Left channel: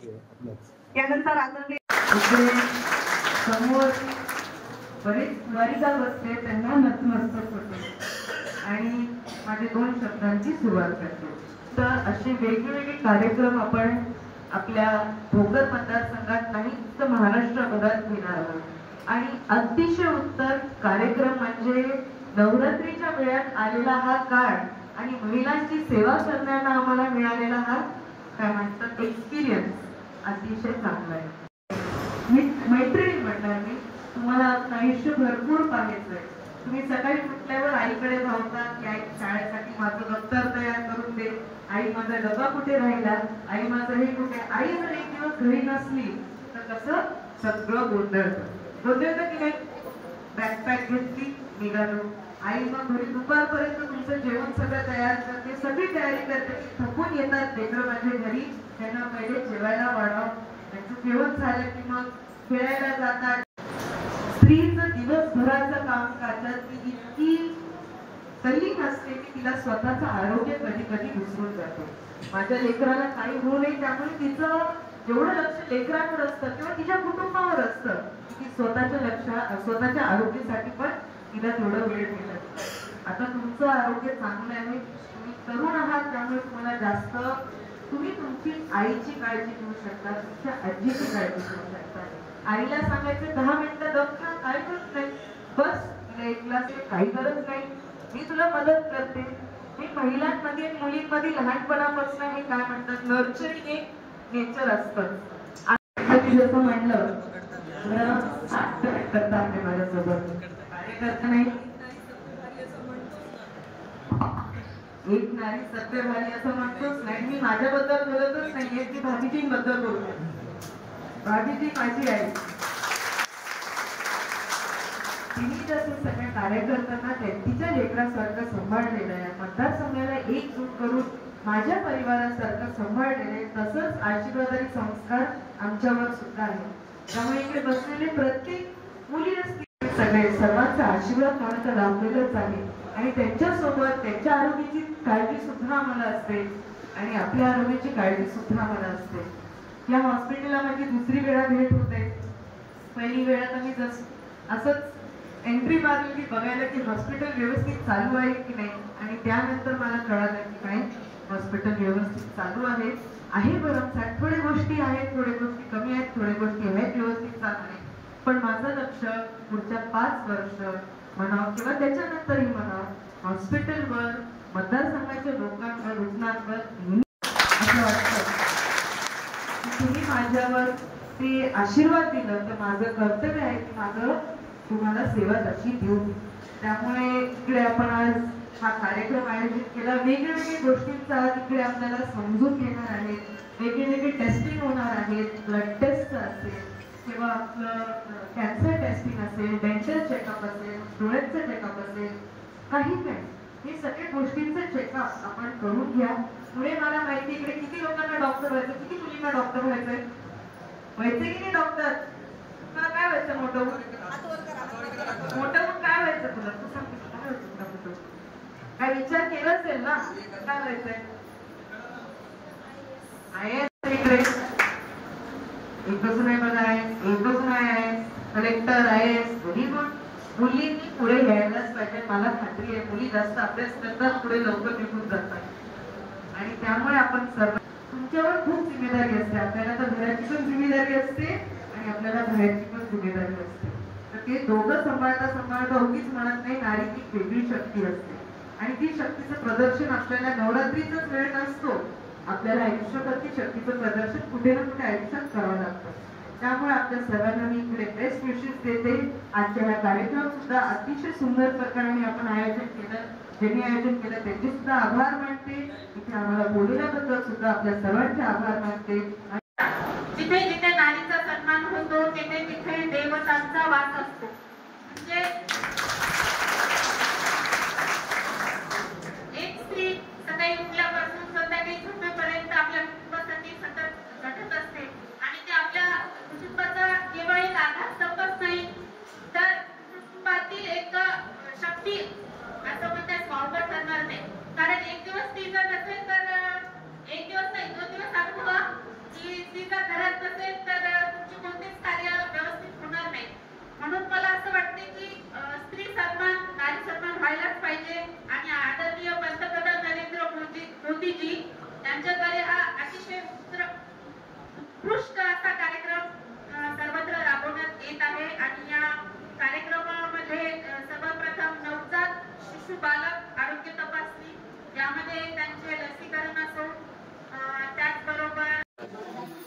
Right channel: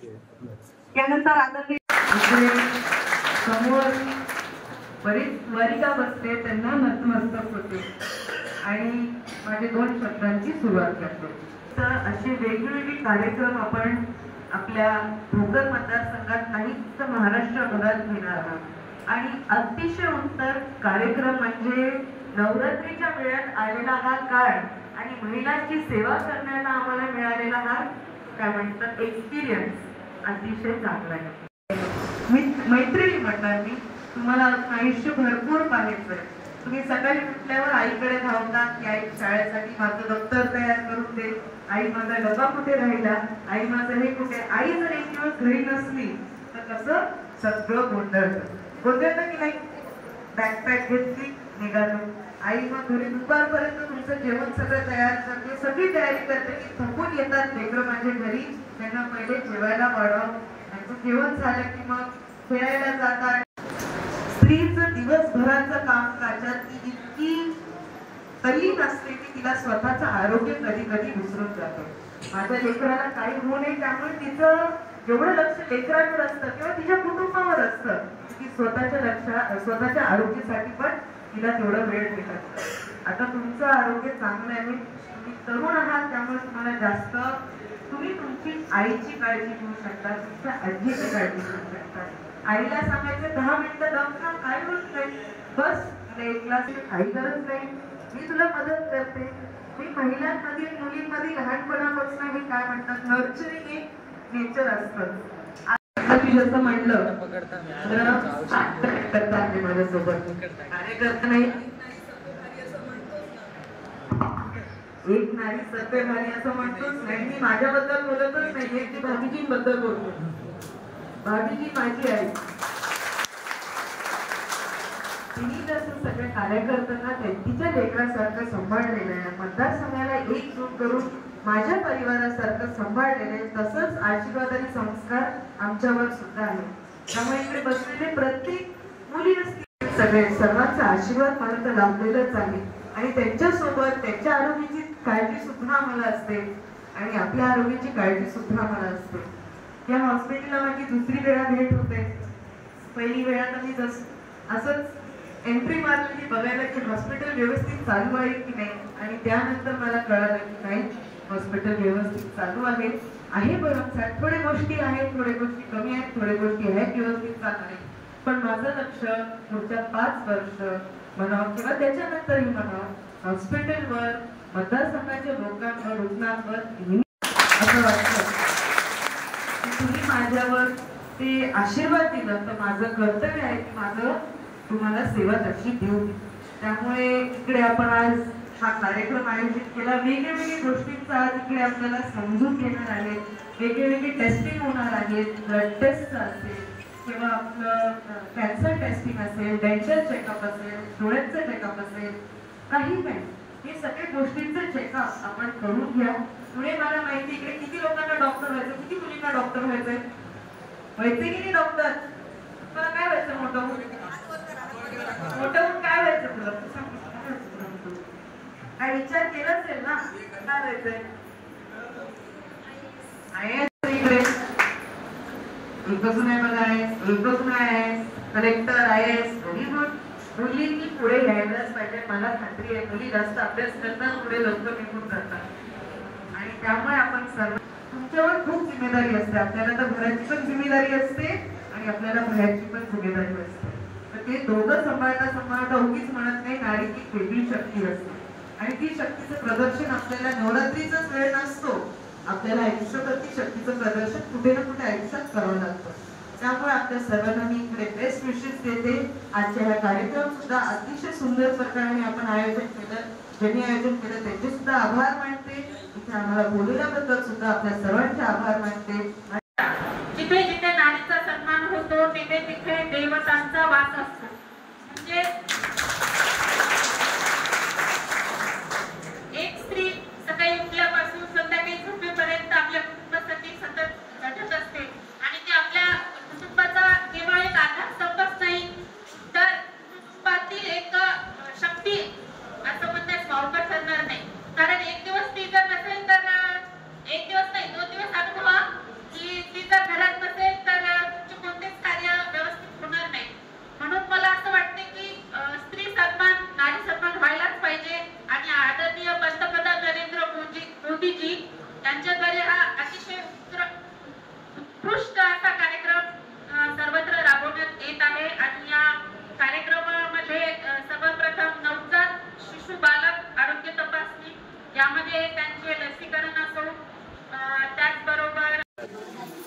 त्यानंतर आदरणीय आपले समोर बरेच वारिका बसते, त्यांना नतमस्तक होते आणि माझे 2 शब्दांची सुरुवात करतो. तर असे वेगवेगळे कार्यक्रम आपण आपल्या भोकर मतदारसंघात आणि उत्तर महाराष्ट्रभरात घेणार आहोत आणि अतिशय उत्तर कार्यक्रम म्हणजे नवरात्रीच्या वेळात आलेला हा काळ आणि महिलांची सेवा करण्याला आम्हाला मिळालेला हा काय म्हणतात एक्सपिरियन्स अतिशय चांगला आहे. मैत्रिणी म्हणणार मी, तुम्हाला आयुष्य भरपूर पाहायचंय. तुम्ही सकाळी उठल्यावर आईकडे धावतात की आई शाळेसाठी माझं दप्तर तयार करून दे, आई माझा डबा कुठे राहिला, आई माझं हे कुठे. आई जर एक दिवस घरी नसली तर कसं सगळं गोंधळतं की नाही. बॅकपॅक घेतली निघालो, आई मग घरी दुपारपर्यंत तुमचं जेवण सगळं तयार करते, सगळी तयारी करते की थकून येतात लेकरं माझ्या घरी, त्यांना पहिले जेवायला वाढव, त्यांचं जेवण झालं की मग खेळायला जातात. स्त्रीचं दिवसभराचं कामकाजात ती इतकी तल्लीन असते की तिला स्वतःचं आरोग्य कधी कधी विसरून जातो. माझ्या लेकराला काही होऊ नये त्यामुळे तिचं एवढं लक्ष लेकरांवर असतं किंवा तिच्या कुटुंबावर असतं की स्वतःच्या आरोग्यासाठी पण तिला तेवढं वेळ मिळत. आता तुमचं आरोग्य चांगलं आहे, तुम्ही तरुण आहात, त्यामुळे तुम्हाला जास्त तुम्ही तुमची आईची काळजी घेऊ शकता, तुमच्या आजीची काळजी घेऊ शकता. आईला सांगायचं 10 मिनिटं दम खा, काय होत नाही, बस तुला 1 ग्लास काही गरज नाही, मी तुला मदत करते. मी महिलांमध्ये मुलींमध्ये लहानपणापासून हे काय म्हणतात नर्चरिंग एक नेचर असतं. जसं म्हणलं करतात ते माझ्यासोबत कार्यकर्ता नाही, एक नारी सत्यभारी असं म्हणतोच नाही. मी माझ्याबद्दल बोलतच नाहीये की भाभीजींबद्दल बोलते. भाभीजी माझी आई, तिने जसं सगळ्या कार्यकर्त्यांना तिच्या लेकरासारखं सांभाळलेलं आहे, मतदारसंघाला एकजूट करून माझ्या परिवारासारखं सांभाळलेलं आहे, तसंच आशीर्वादारी संस्कार आमच्यावर सुद्धा आहे. त्यामुळे इकडे बसलेले प्रत्येक मुली असतील सगळे सर्वांचा आशीर्वाद मला तर लाभलेलाच आहे आणि त्यांच्यासोबत त्यांच्या आरोग्याची काळजी सुद्धा आम्हाला असते आणि आपल्या आरोग्याची काळजी सुद्धा आम्हाला असते. या हॉस्पिटलला माझी 2री वेळा भेट होते. पहिली वेळा तर मी असंच एंट्री मारली की बघायला की हॉस्पिटल व्यवस्थित चालू आहे की नाही आणि त्यानंतर मला कळालं की नाही, हॉस्पिटल व्यवस्थित चालू आहे भरमसाठ. थोडे गोष्टी आहेत, थोडे गोष्टी कमी आहेत, थोडे गोष्टी आहेत व्यवस्थित चालू आहेत, पण माझं लक्ष पुढच्या 5 वर्ष म्हणावं किंवा त्याच्यानंतरही म्हणावं हॉस्पिटलवर, मतदारसंघाच्या लोकांवर, रुग्णांवर असं वाटतं. तुम्ही माझ्यावर ते आशीर्वाद दिलं तर माझं कर्तव्य आहे की माझं तुम्हाला सेवा तशी देऊ. त्यामुळे इकडे आपण आज हा कार्यक्रम आयोजित केला. वेगवेगळ्या गोष्टींचा आज इकडे आपल्याला समजून घेणार आहेत, वेगवेगळे टेस्टिंग होणार आहेत, ब्लड टेस्ट असेल किंवा आपलं कॅन्सर टेस्टिंग असेल, डेंटल चेकअप असेल, डोळ्यांचं चेकअप असेल, काही हे सगळ्या गोष्टींचं चेकअप आपण करून घ्या. पुढे मला माहिती इकडे किती लोकांना डॉक्टर व्हायचं, किती मुलींना डॉक्टर व्हायचंय, व्हायचंय की नाही डॉक्टर? मला काय व्हायचं मोठं होऊन काय व्हायचं तुला? तू सांग काय विचार केला असेल ना, काय व्हायचंय? इकडे एकच नाही बघा, एकच नाही कलेक्टर आहेस, व्हेरी गुड. मुलींनी पुढे यायलाच पाहिजे. मला खात्री आहे मुली जास्त अभ्यास करतात, पुढे लवकर निघून जातात आणि त्यामुळे आपण सर्व तुमच्यावर खूप जिम्मेदारी असते. आपल्याला तर घराची पण जिम्मेदारी असते आणि आपल्याला बाहेरची पण जिम्मेदारी असते. तर ते दोघं सांभाळता उगीच म्हणत नाही, नारी ती वेगळी शक्ती असते आणि ती शक्तीचं प्रदर्शन आपल्याला नवरात्रीचाच वेळ नसतो, आपल्याला आयुष्यभर ती शक्तीचं प्रदर्शन कुठे ना कुठे आयुष्यात करावं लागतं. त्यामुळे आपल्या सर्वांना मी इकडे बेस्ट विशेष देते. आजच्या हा कार्यक्रम सुद्धा अतिशय सुंदर प्रकारे आपण आयोजन केलं. ज्यांनी आयोजन केलं त्यांचे सुद्धा आभार मानते. इथे आम्हाला बोलवल्याबद्दल सुद्धा आपल्या सर्वांचे आभार मानते. जिथे जिथे नारीचा सन्मान होतो तिथे तिथे देवतांचा वास असतो. म्हणजे एक स्त्री सकाळी उठल्यापासून संध्याकाळी झोपेपर्यंत आपल्या कुटुंबासाठी सतत झटत असते आणि ती आपल्या कुटुंबाचा केवळ एक आधारस्तंभच नाही तर कुटुंबातील एक शक्ती असं म्हणण्यास वावगं ठरणार नाही. कारण एक दिवस ती जर नसेल तर एक दिवस नाही 2 दिवस अनुभवा की त्यांच्याद्वारे हा अतिशय उत्कृष्ट असा कार्यक्रम सर्वत्र राबवण्यात येत आहे आणि या कार्यक्रमामध्ये सर्वप्रथम नवजात शिशु बालक आरोग्य तपासणी यामध्ये त्यांचे लसीकरण असो, त्याचबरोबर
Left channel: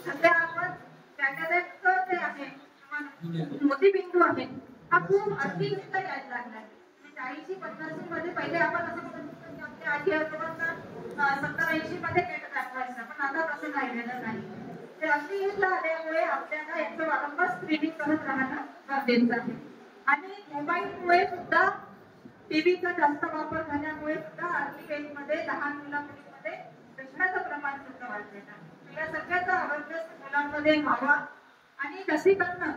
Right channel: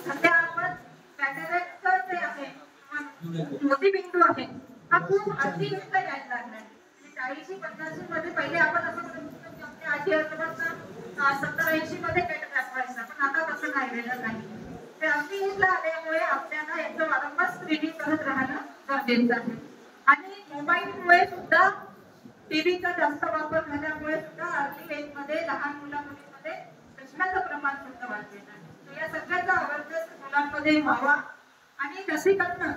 सध्या आपण कॅटरेक्टचं जे आहे मोतीबिंदू आहे हा खूप अतिशय यायला लागलाय. 40-50 मध्ये पहिले आपण असं म्हणत होतो की आपल्या आजी आजोबांना 70-80 मध्ये कॅटरॅक्ट व्हायचा, पण आता तसं राहिलेलं नाही. ते अतिशय आल्यामुळे आपल्याला याचं वारंवार स्क्रीनिंग करत राहणं गरजेचं आहे. आणि मोबाईलमुळे सुद्धा टीव्हीचा जास्त वापर झाल्यामुळे सुद्धा अर्ली एज मध्ये लहान मुलांमध्ये कृष्णाचं प्रमाण सुद्धा वाढलेलं आहे. या सगळ्याचा अवेअरनेस मुलांमध्ये व्हावा आणि लसीकरण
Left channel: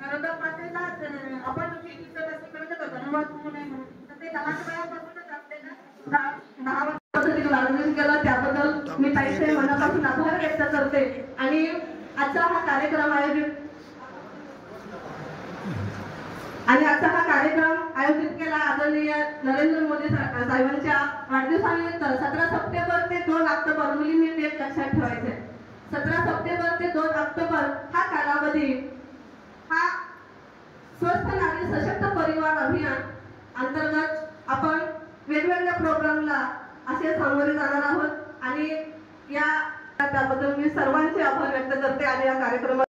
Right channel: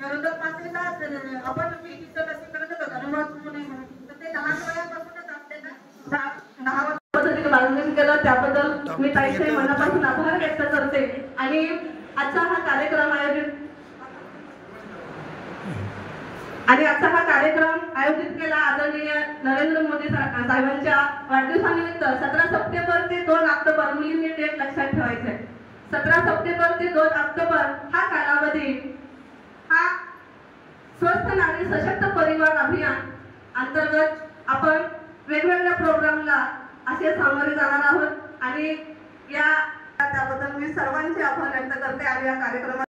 गरोदर मातेला आपण टीव्हीचं लसीकरण धन्यवाद होऊ नये म्हणून तर ते लहान वयापासूनच आपल्याला 10 पद्धतीने मार्गदर्शन केलं त्याबद्दल मी ताईचे मनापासून आभार व्यक्त करते. आणि आजचा हा कार्यक्रम आयोजित केला आदरणीय नरेंद्र मोदी साहेबांच्या वाढदिवसानिमित्त 17 सप्टेंबर ते 2 ऑक्टोबर मुलींनी डेट लक्षात ठेवायचंय. 17 सप्टेंबर ते 2 ऑक्टोबर हा कालावधी हा स्वस्थ नारी सशक्त परिवार अभियान अंतर्गत आपण वेगवेगळ्या प्रोग्रामला असे सामोरे जाणार आहोत आणि त्याबद्दल मी सर्वांचे आभार व्यक्त करते आणि या कार्यक्रमात